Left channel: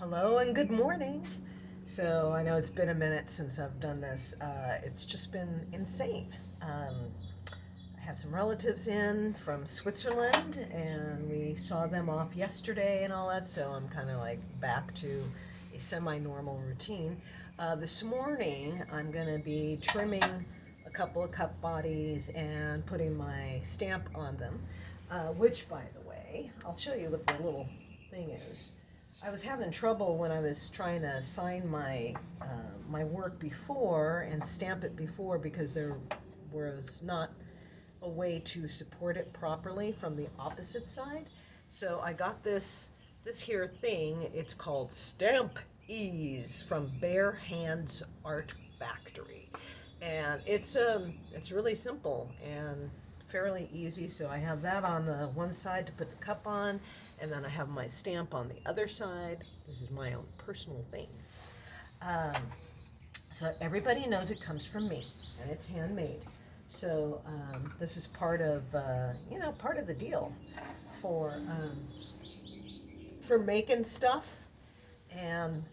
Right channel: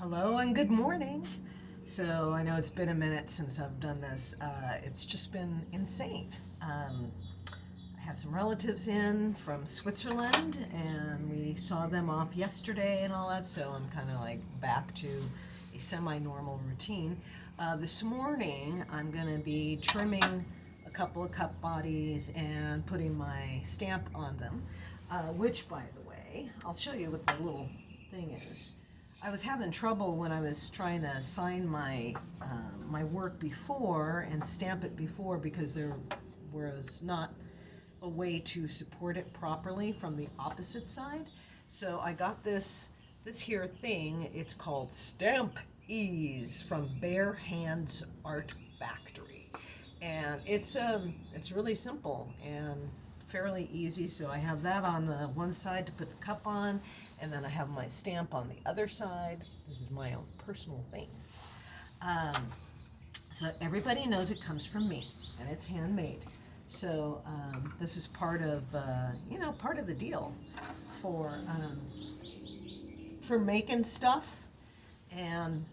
Hello and good morning. So I know it's been a minute since I've done this. It's just been insane. I had some relatives in from Switzerland and we saw them off yesterday and all that, so I'm kind of like back to a semi normal routine. This morning I'm going to be trimming a couple of cup bodies and putting my stamp on them, which, by the way, I'll show you what the little thing is. I was having trouble when I was trying to sign my work before and stamp it before, because there was not a way to support it properly from the opposite side. So I got this here thing. It's called Stamp Ease from Bare Hands Art Factory, and it's really simple and fairly easy. So I have that on the one side to put the cup on, and then I have my stamp on the other side. This is my own personal thing. Um, so everybody knows it comes from me, and it's handmade. So this is part of part of the deal for making stuff. And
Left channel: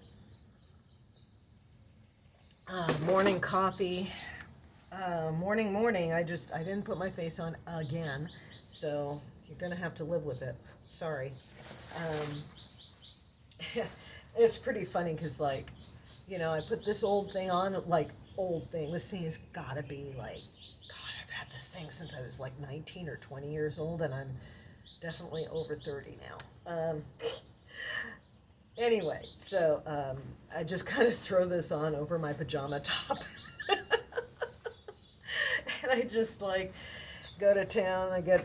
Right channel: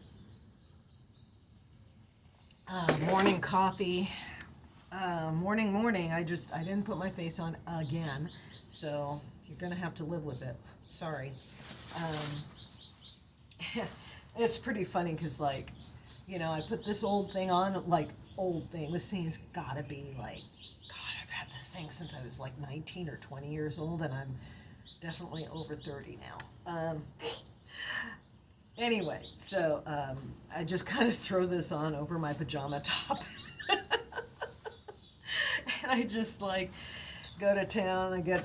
morning coffee. Morning. I didn't put my face on again, so you're gonna have to live with it. Sorry. It's pretty funny because, like, I put this old thing on, like, old thing. This thing's gotta be like, God, I've had this thing since I was like 19 or 20 years old, and I'm definitely over 30 now. Anyway, so I just kind of throw this on over my pajama top. And I just like go to town. I get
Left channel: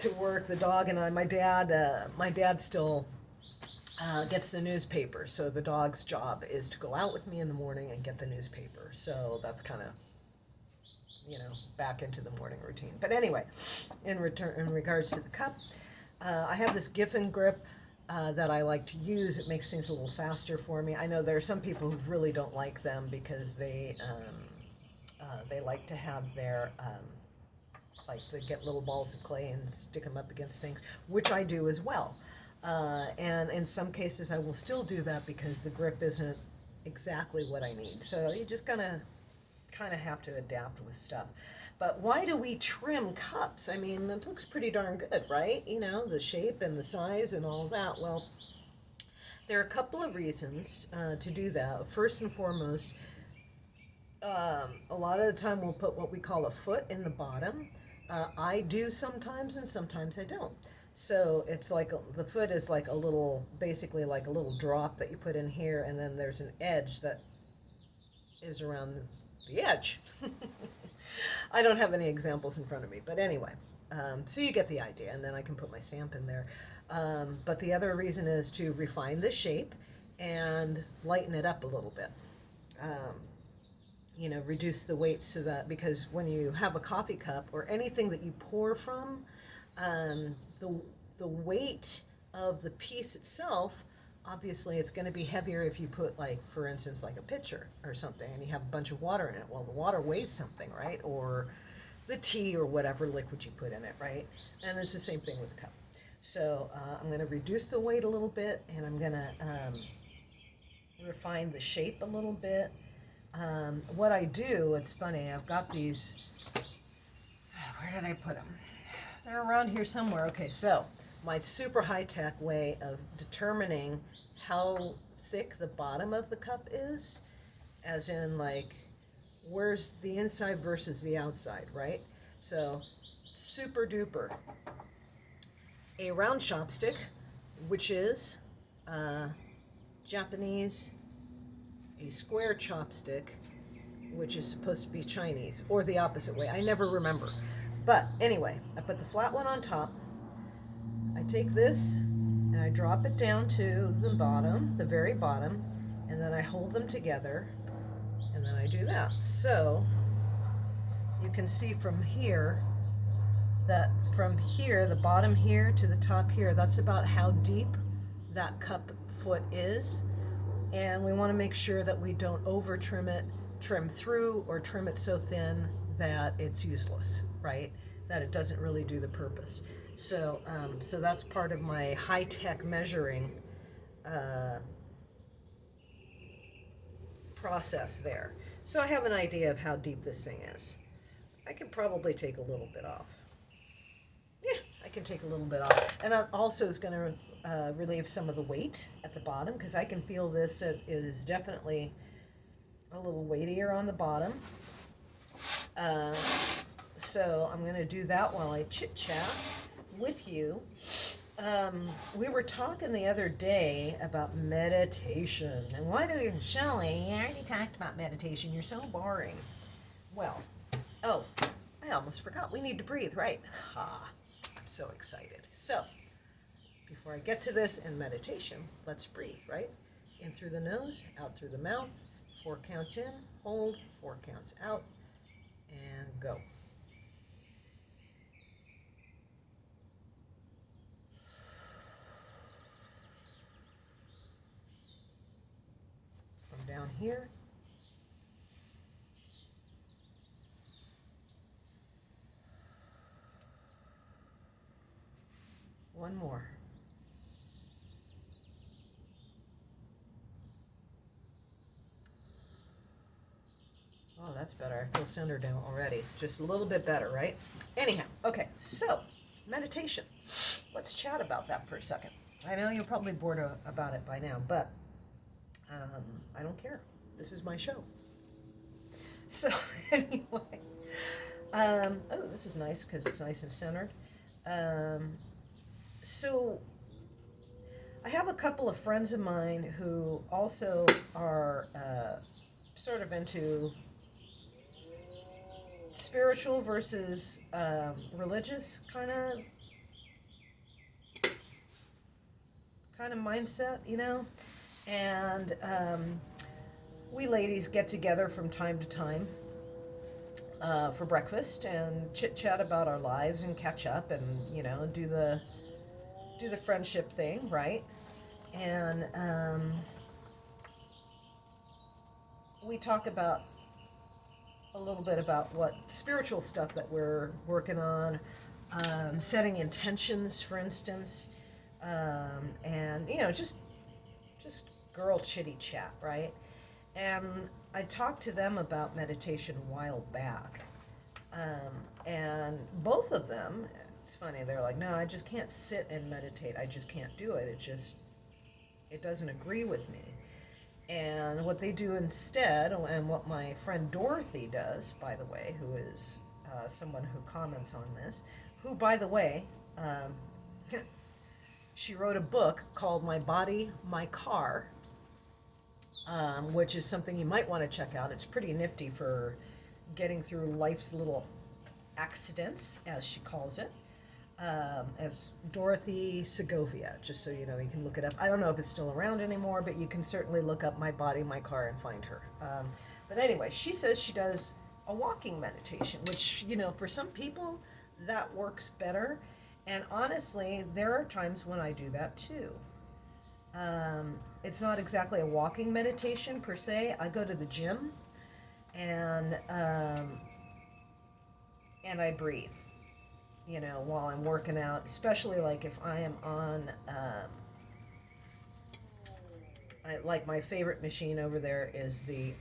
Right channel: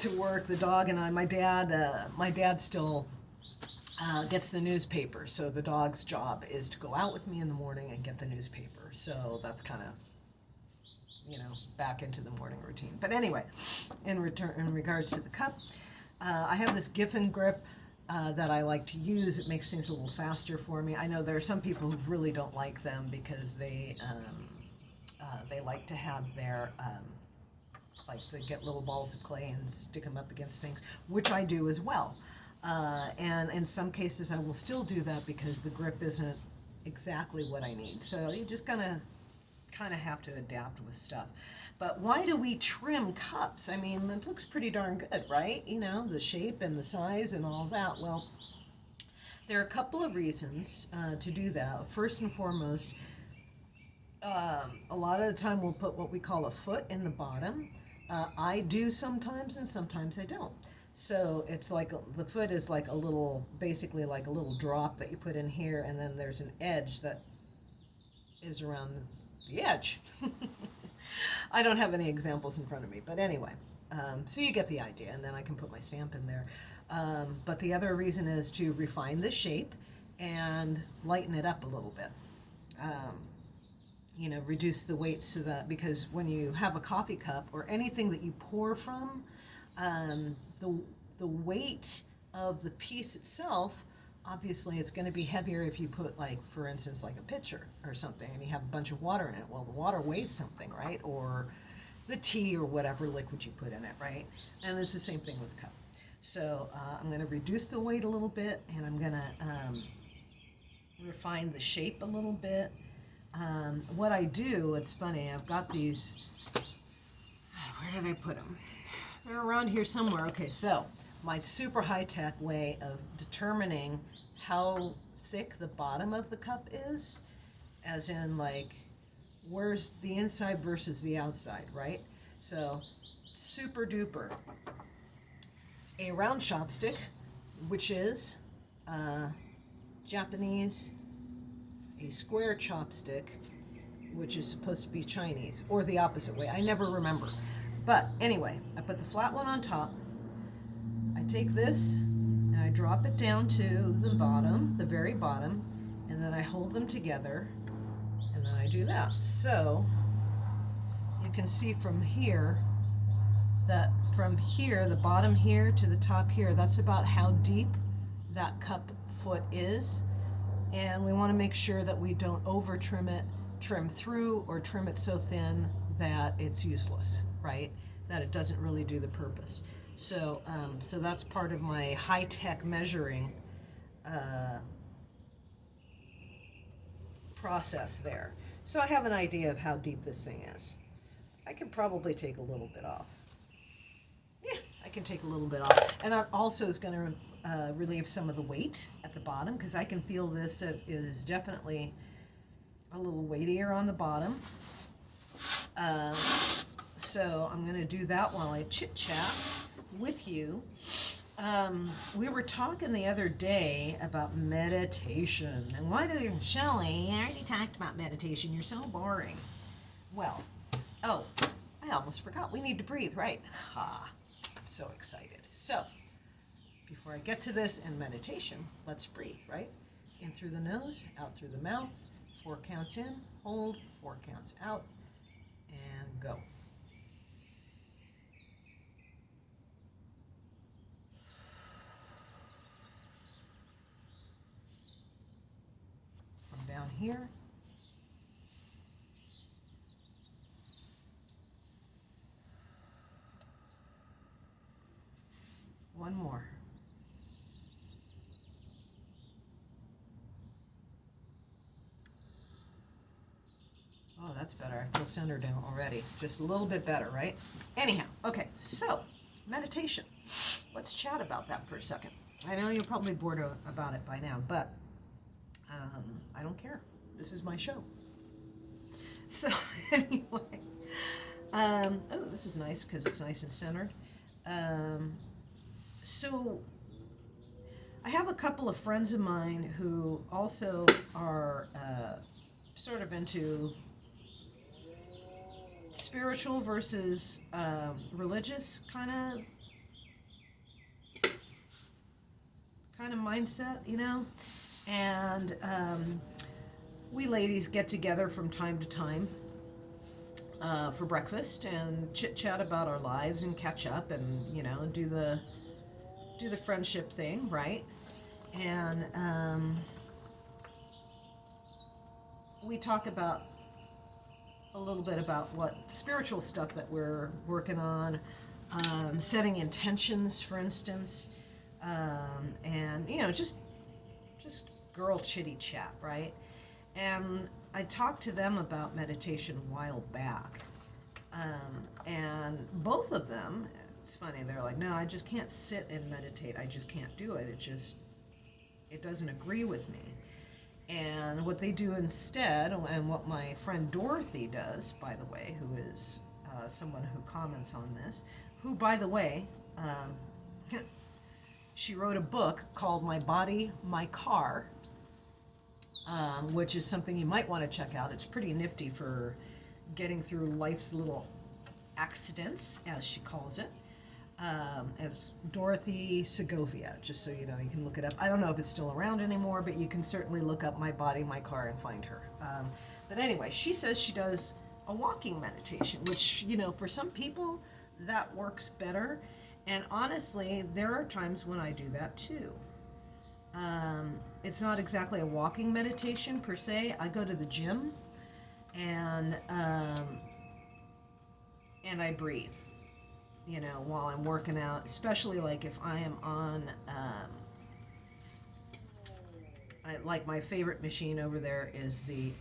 to work. The dog and I. My dad still gets the newspaper, so the dog's job is to go out with me in the morning and get the newspaper. So that's kind of back into the morning routine. But anyway, in regards to the cup, I have this Giffen grip that I like to use. It makes things a little faster for me. I know there are some people who really don't like them because they like to have their like they get little balls of clay and stick them up against things, which I do as well. And in some cases, I will still do that because the grip isn't exactly what I need. So you just kind of have to adapt with stuff. But why do we trim cups? I mean, it looks pretty darn good, right? The shape and the size and all that. Well, there are a couple of reasons to do that. First and foremost, a lot of the time we'll put what we call a foot in the bottom. I do sometimes, and sometimes I don't. So it's like the foot is like basically like a little drop that you put in here, and then there's an edge that is around the edge. I don't have any examples in front of me, but anyway, so you get the idea, and then I can put my stamp in there. But the other reason is to refine the shape and lighten it up a little bit. Reduce the weight so that, because when you have a coffee cup or anything that you pour from, the weight of the piece itself, obviously it's going to be heavier if you put, like, for instance, like a pitcher or something, and you have a bunch of water in it. Well, the water weighs something, right? Or the tea or whatever liquid you put in it, right? And it's the same thing with the cup. So I'm going to reduce the weight a little bit, and I'm going to refine the shape a little bit. What I do, it's funny, I've got these, where did I put them? They're around here somewhere. Okay, so my super high-tech way of determining how thick the bottom of the cup is, as in, like, where's the inside versus the outside, right? So, super duper. A round chopstick, which is Japanese. A square chopstick, which is supposed to be Chinese, or the opposite way. I never remember. But anyway, I put the flat one on top. I take this and I drop it down to the bottom, the very bottom, and then I hold them together, and then I do that. So you can see from here that from here, the bottom here to the top here, that's about how deep that cup foot is. And we want to make sure that we don't over trim it, trim through, or trim it so thin that it's useless, right? That it doesn't really do the purpose. So that's part of my high-tech measuring process there. So I have an idea of how deep this thing is. I could probably take a little bit off. Yeah, I can take a little bit off. And that also is going to relieve some of the weight at the bottom, because I can feel this it is definitely a little weightier on the bottom. So I'm going to do that while I chit chat with you. We were talking the other day about meditation. And why do you, Shelley, I already talked about meditation. You're so boring. Well, oh, I almost forgot. We need to breathe, right? Ha, I'm so excited. So, before I get to this and meditation, let's breathe, right? In through the nose, out through the mouth. 4 counts in, hold, 4 counts out, and go. From down here. One more. Oh, that's better. I feel centered now already. Just a little bit better, right? Anyhow, okay, so meditation. Let's chat about that for a second. I know you're probably bored about it by now, but I don't care. This is my show. So anyway, oh, this is nice because it's nice and centered. So I have a couple of friends of mine who also are sort of into spiritual versus religious kind of mindset, you know. And we ladies get together from time to time for breakfast and chit chat about our lives and catch up and, you know, do the friendship thing, right? And we talk about a little bit about what spiritual stuff that we're working on, setting intentions, for instance, and, you know, just girl chitty chat, right? And I talked to them about meditation a while back, and both of them, it's funny, they're like, no, I just can't sit and meditate, I just can't do it, it doesn't agree with me. And what they do instead, and what my friend Dorothy does, by the way, who is someone who comments on this, who, by the way, she wrote a book called My Body, My Car, which is something you might want to check out. It's pretty nifty for getting through life's little accidents, as she calls it, as Dorothy Segovia, just so you know, you can look it up. I don't know if it's still around anymore, but you can certainly look up My Body, My Car and find her. But anyway, she says she does a walking meditation, which, you know, for some people, that works better. And honestly, there are times when I do that too. It's not exactly a walking meditation per se. I go to the gym and I breathe, you know, while I'm working out, especially like if I am on, like my favorite machine over there is the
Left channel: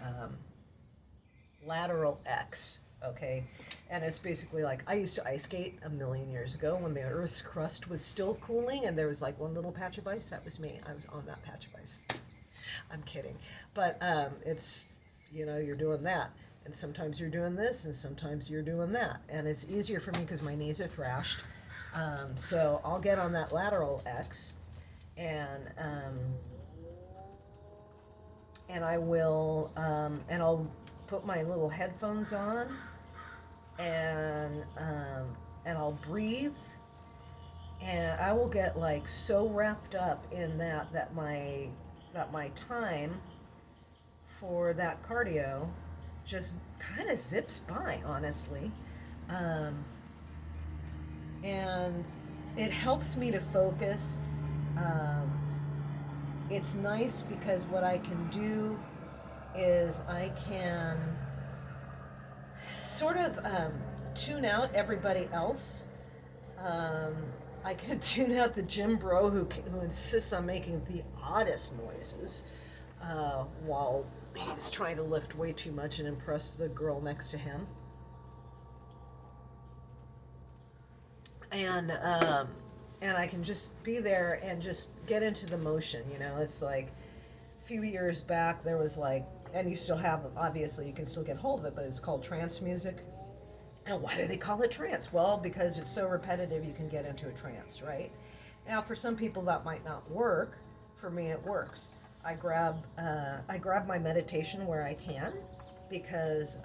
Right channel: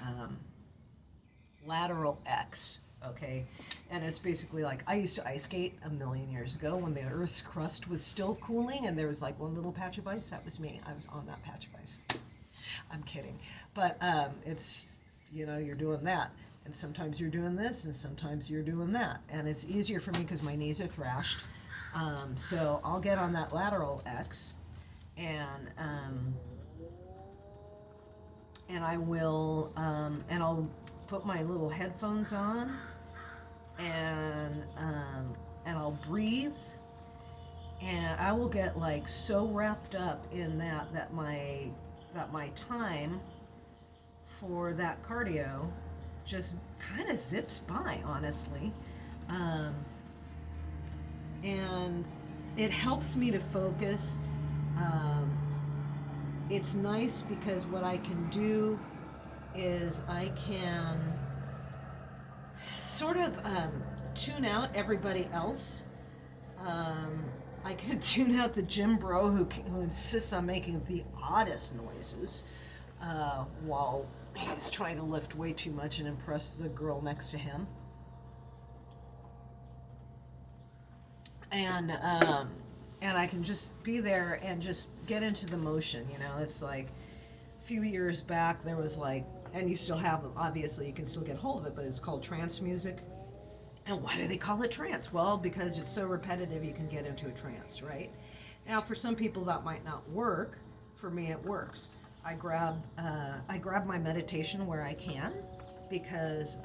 Lateral X, okay? And it's basically like, I used to ice skate a million years ago when the Earth's crust was still cooling and there was like one little patch of ice. That was me. I was on that patch of ice. I'm kidding. But it's, you know, you're doing that. And sometimes you're doing this and sometimes you're doing that. And it's easier for me because my knees are thrashed. So I'll get on that Lateral X and I will, and I'll put my little headphones on and I'll breathe, and I will get like so wrapped up in that my time for that cardio just kind of zips by, honestly, and it helps me to focus. It's nice because what I can do is I can sort of tune out everybody else. I can tune out the gym bro who insists on making the oddest noises. while he's trying to lift way too much and impress the girl next to him. And I can just be there and just get into the motion. It's like a few years back there was like, and you still have, obviously you can still get hold of it, but it's called trance music. And why do they call it trance? Well, because it's so repetitive you can get into a trance, right? Now for some people that might not work. For me it works. I grab my meditation where I can, because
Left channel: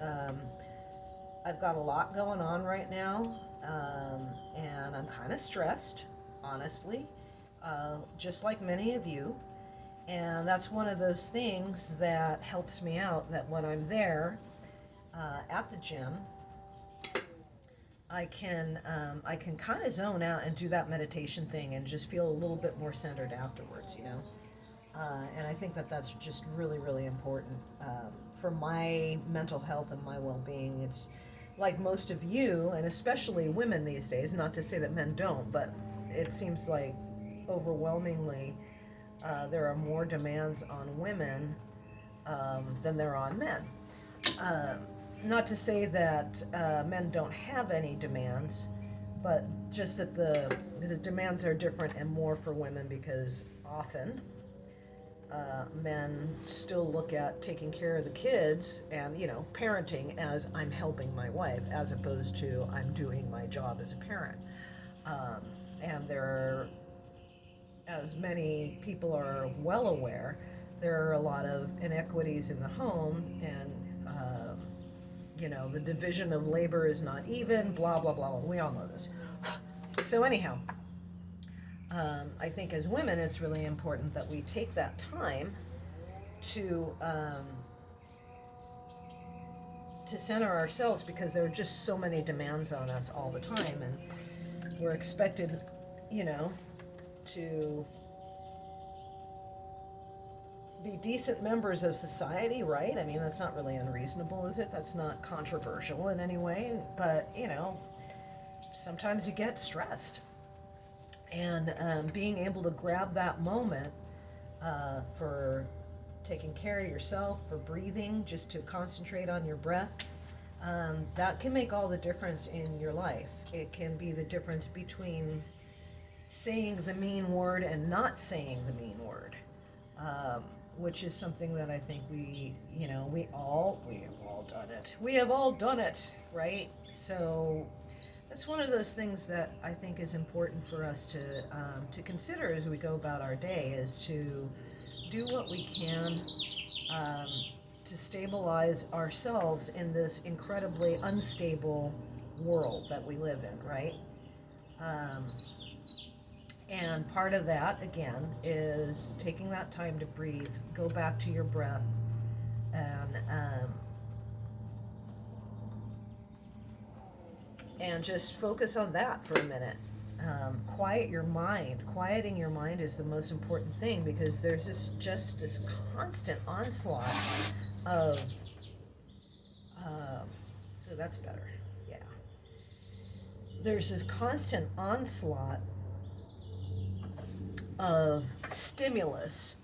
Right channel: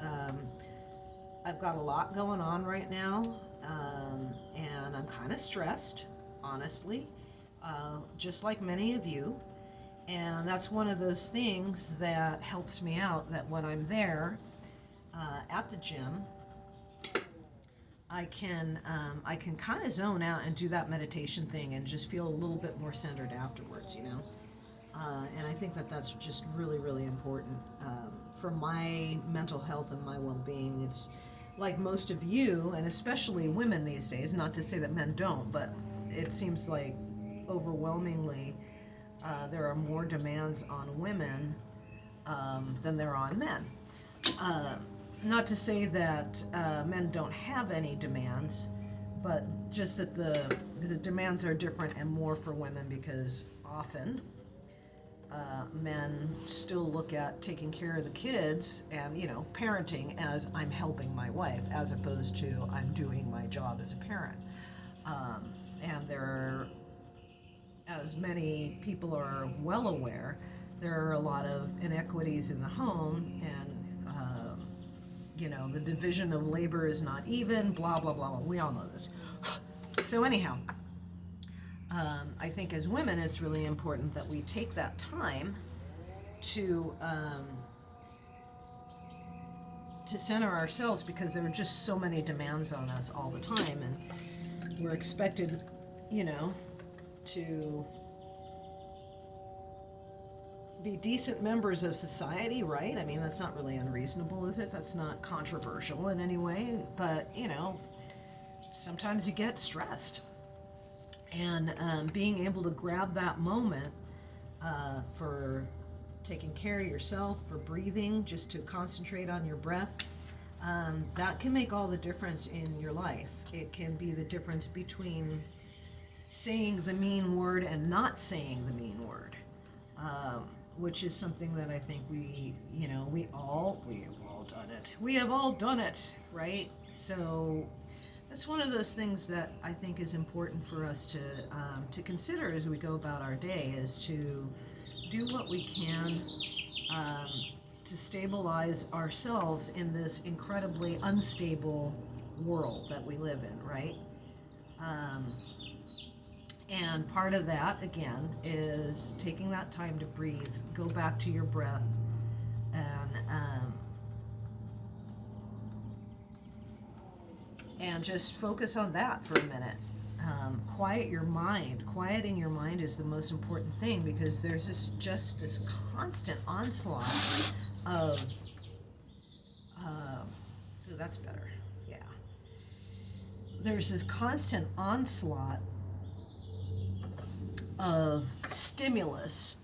I've got a lot going on right now, and I'm kind of stressed, honestly, just like many of you. And that's one of those things that helps me out, that when I'm there at the gym, I can kind of zone out and do that meditation thing and just feel a little bit more centered afterwards. And I think that that's just really, really important for my mental health and my well-being. It's like most of you, and especially women these days, not to say that men don't, but it seems like overwhelmingly there are more demands on women than there are on men. Not to say that men don't have any demands, but just that the demands are different and more for women, because often men still look at taking care of the kids and, parenting as I'm helping my wife, as opposed to I'm doing my job as a parent. And there are, as many people are well aware, there are a lot of inequities in the home, and the division of labor is not even, blah, blah, blah, blah. We all know this. So anyhow, I think as women, it's really important that we take that time to center ourselves, because there are just so many demands on us all the time, and we're expected, to be decent members of society, right? I mean, that's not really unreasonable, is it? That's not controversial in any way, but, sometimes you get stressed. And being able to grab that moment for taking care of yourself, for breathing, just to concentrate on your breath, that can make all the difference in your life. It can be the difference between saying the mean word and not saying the mean word, which is something that I think we have all done it. We have all done it, right? So that's one of those things that I think is important for us to consider as we go about our day, is to do what we can to stabilize ourselves in this incredibly unstable world that we live in, right? And part of that, again, is taking that time to breathe, go back to your breath, and just focus on that for a minute. Quiet your mind. Quieting your mind is the most important thing, because there's this constant onslaught of, that's better, yeah. There's this constant onslaught of stimulus,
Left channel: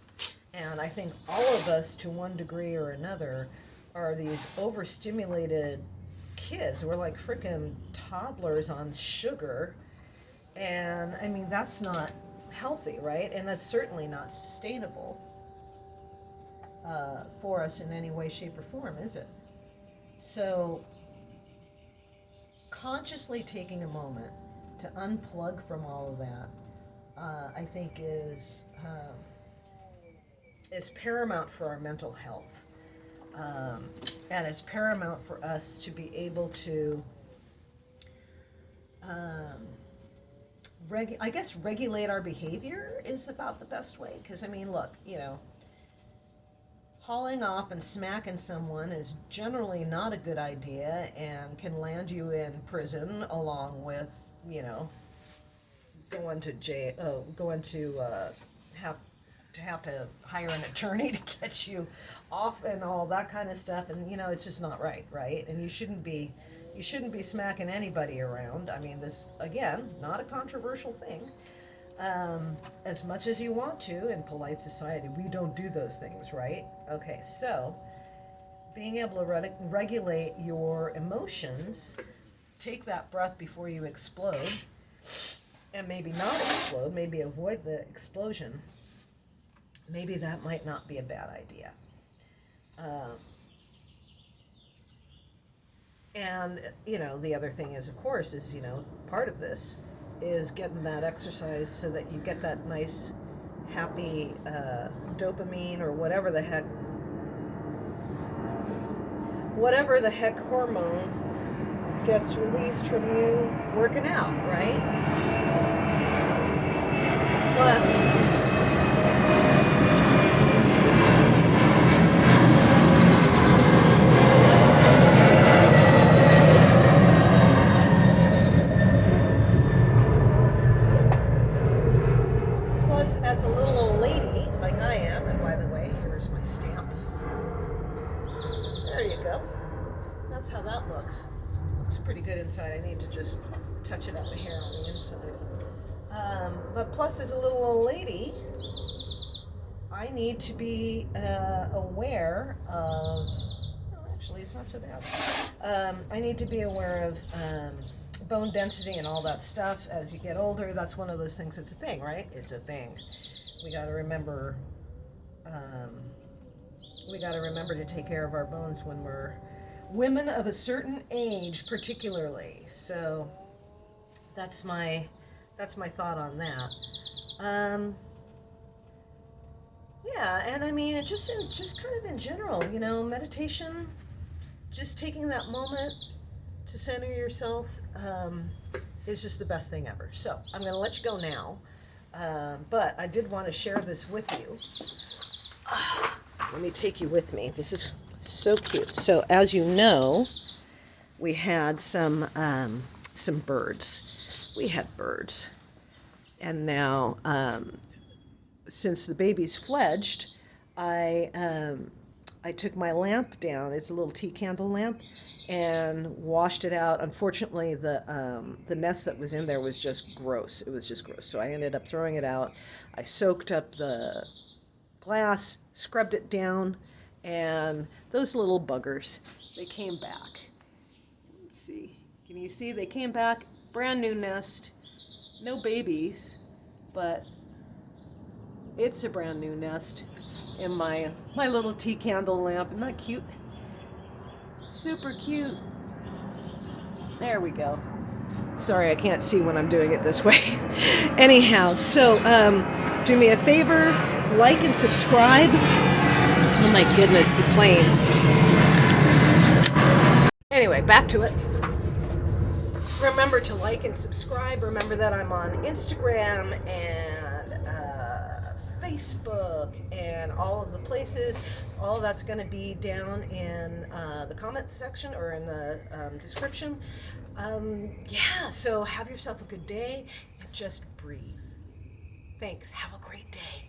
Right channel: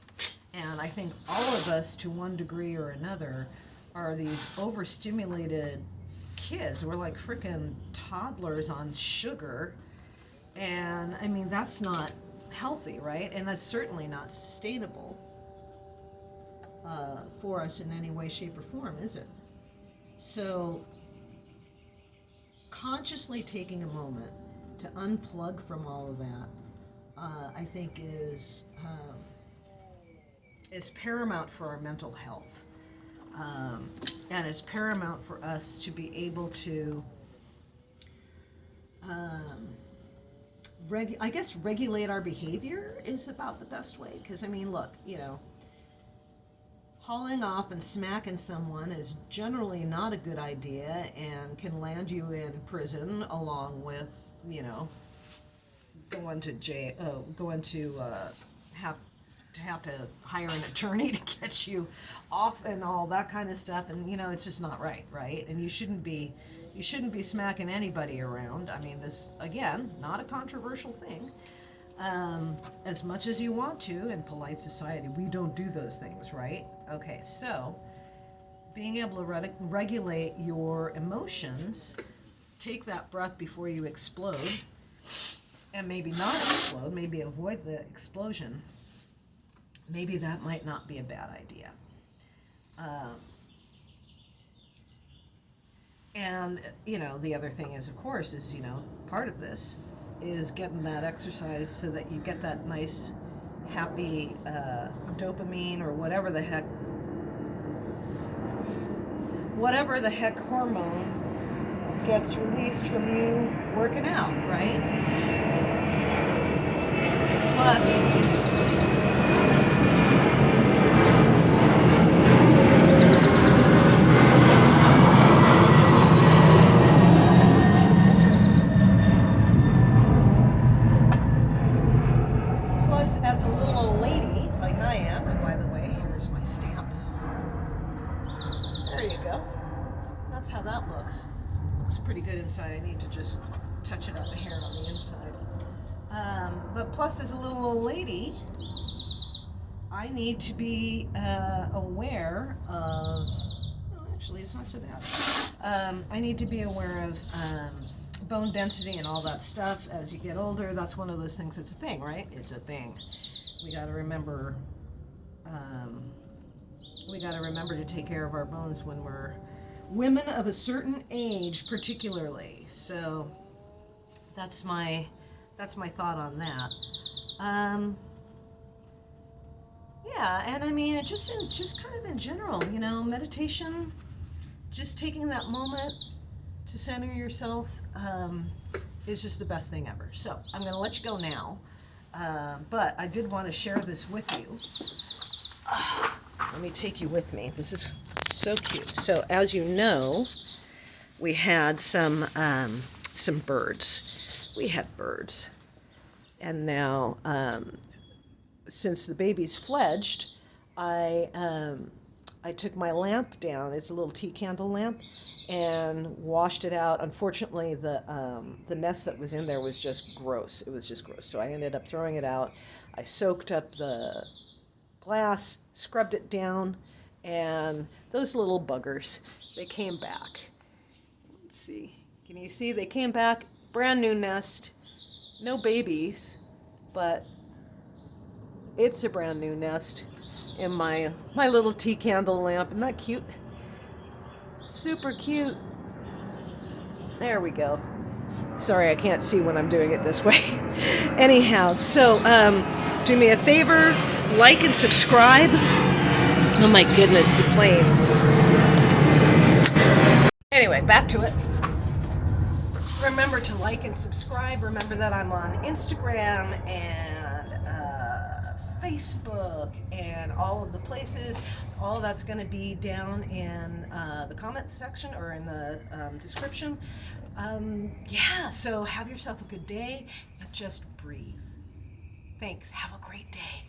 and I think all of us, to one degree or another, are these overstimulated kids. We're like freaking toddlers on sugar, and I mean, that's not healthy, right? And that's certainly not sustainable for us in any way, shape, or form, is it? So consciously taking a moment to unplug from all of that, I think is paramount for our mental health, and is paramount for us to be able to, regulate our behavior is about the best way. Because I mean, look, hauling off and smacking someone is generally not a good idea, and can land you in prison, along with, going to jail, have to hire an attorney to get you off and all that kind of stuff. And it's just not right? And you shouldn't be smacking anybody around. I mean, this, again, not a controversial thing, as much as you want to. In polite society, we don't do those things, right? Okay, so being able to regulate your emotions, take that breath before you explode, and maybe not explode, maybe avoid the explosion. Maybe that might not be a bad idea. And, the other thing is, of course, is, part of this is getting that exercise so that you get that nice, happy dopamine or whatever the heck hormone gets released from you working out, right? Plus, as a little old lady, like I am, and by the way, here's my stamp. There you go. That's how that looks. Looks pretty good inside. I need to just touch it up a hair on the inside. But plus, as a little old lady, I need to be aware of, actually, it's not so bad. I need to be aware of bone density and all that stuff as you get older. That's one of those things. It's a thing, right? It's a thing. We got to remember. We got to remember to take care of our bones when we're women of a certain age, particularly. So that's my thought on that. Yeah, and I mean, it just kind of in general, meditation, just taking that moment to center yourself is just the best thing ever. So I'm going to let you go now, but I did want to share this with you. Let me take you with me. This is so cute. So as you know, we had some birds. We had birds, and now since the baby's fledged, I took my lamp down. It's a little tea candle lamp, and washed it out. Unfortunately, the nest that was in there was just gross. It was just gross. So I ended up throwing it out. I soaked up the glass, scrubbed it down, and those little buggers, they came back. Let's see. Can you see? They came back. Brand new nest. No babies, but it's a brand new nest in my little tea candle lamp. Isn't that cute? Super cute. There we go. Sorry, I can't see when I'm doing it this way. Anyhow, so do me a favor, like and subscribe. Oh my goodness, the planes. Anyway, back to it. Remember to like and subscribe. Remember that I'm on Instagram and Facebook and all of the places. All that's going to be down in the comment section or in the description. Yeah, so have yourself a good day and just breathe. Thanks. Have a great day.